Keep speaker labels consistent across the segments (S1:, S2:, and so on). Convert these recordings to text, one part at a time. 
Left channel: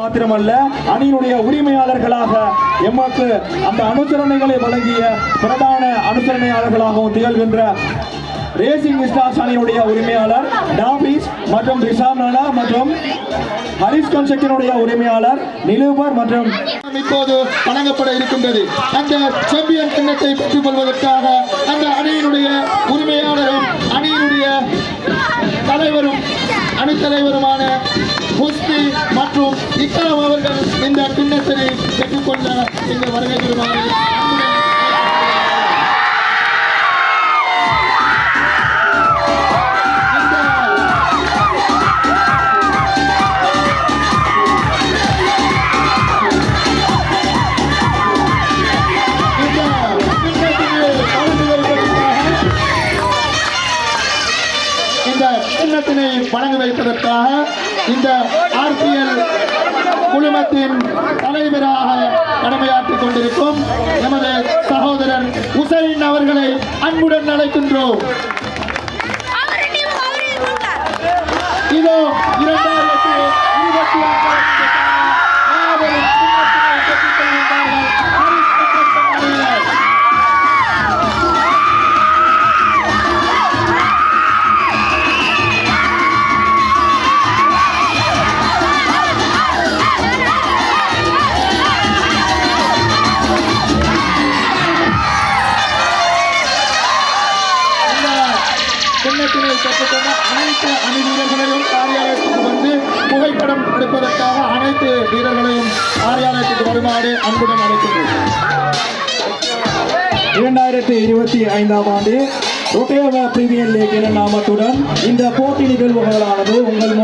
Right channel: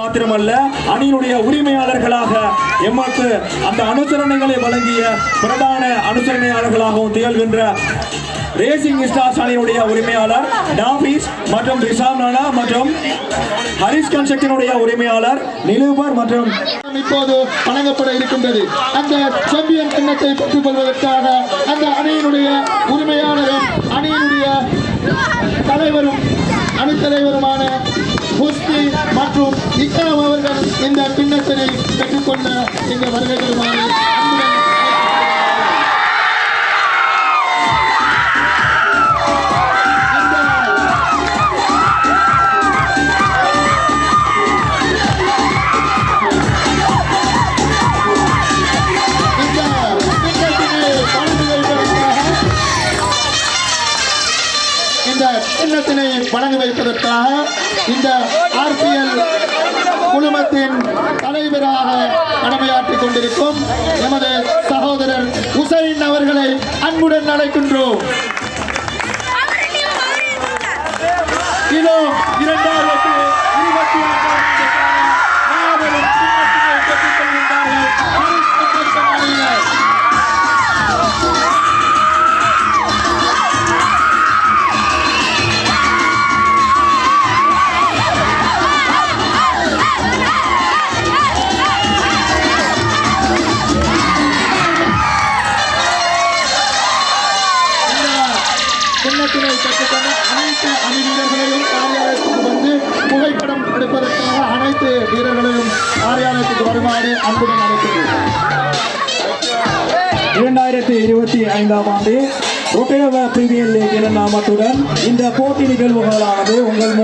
S1: மாத்திரமல்ல அணியினுடைய உரிமையாளர்களாக எமக்கு அந்த அனுசரணைகளை வழங்கிய பிரதான அனுசரணையாளர்களாகவும் திகழ்கின்ற ரேசிங் ஸ்டார்ஸ் அணியினுடைய உரிமையாளர் டாபிஸ் மற்றும் ரிஷாம் நானா மற்றும் ஹரிஸ் கன்ஸ்ட்ரக்ஷனுடைய உரிமையாளர் நிலூபர் மற்றும்
S2: இப்போது வழங்கப்பட இருக்கின்றது. அந்த சாம்பியன் கிண்ணத்தை பெற்றுக் கொள்வதற்காக அந்த அணியினுடைய உரிமையாளரும் அணியினுடைய தலைவரும் அணித்தலைவருமான மற்றும் இஸ்லாம் அவர்கள் இந்த கிண்ணத்தினை பெற்றுக்கொள்ள இங்கு வருகை தருமாறு சின்னத்தினை வழங்கி வைப்பதற்காக இந்த ஆர்பிஎல் குழுமத்தின் தலைவராக கடமையாற்றிக் கொண்டிருக்கும் எமது சகோதரர் உசைன் அவர்களை அன்புடன் அழைக்கின்றோம். இதோ இரண்டாயிரத்தி சின்னத்தினை பெற்றுக்கொண்ட அனைத்து அணி வீரர்களையும் காரியாலயத்துக்கு வந்து புகைப்படம் எடுப்பதற்காக அனைத்து வீரர்களையும் காரியாலயத்துக்கு வருமாறு அன்புடன் அழைக்கிறேன்.
S1: இரண்டாயிரத்தி இருபத்தி ஐந்தாம் ஆண்டு ரொட்டேவ பிரீமியர் லீக் என நாமத்துடன் இந்த போட்டி நிகழ்வுகளானது உங்கள்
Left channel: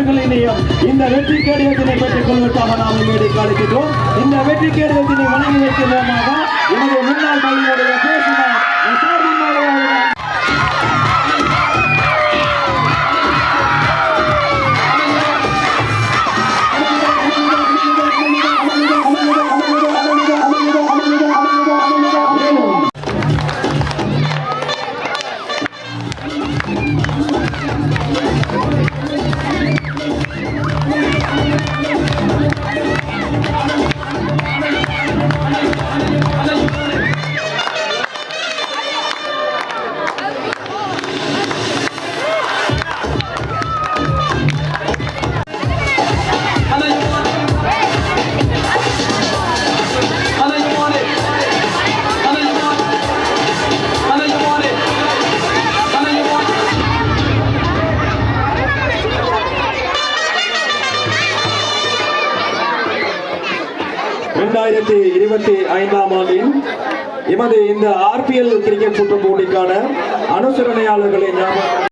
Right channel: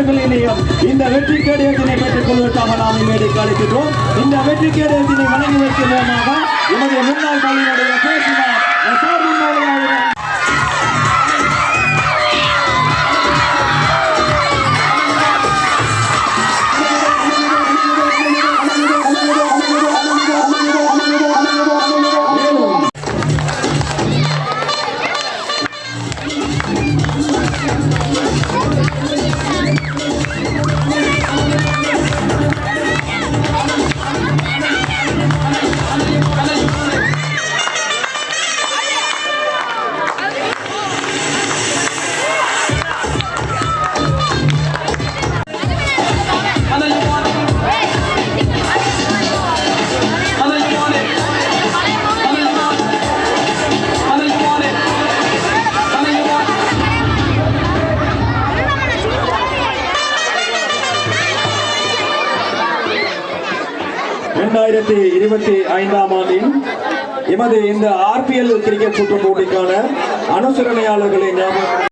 S1: மூன்று இந்த வெற்றி கேடயத்தினை பெற்றுக் கொள்வதற்காக நாம் இம்மேடைக்கு அழைக்கின்றோம் இந்த வெற்றி கேடயத்தினை வழங்கி வைக்கிறோமாக எனது முன்னாள் பள்ளியினுடைய இரண்டாயிரத்தி இருபத்தி ஐந்தாம் ஆண்டின் எமது இந்த ஆர்பிஎல் கிரிக்கெட் சுற்று போட்டிக்கான அனுசரணையாளர்களை ஞாபகம்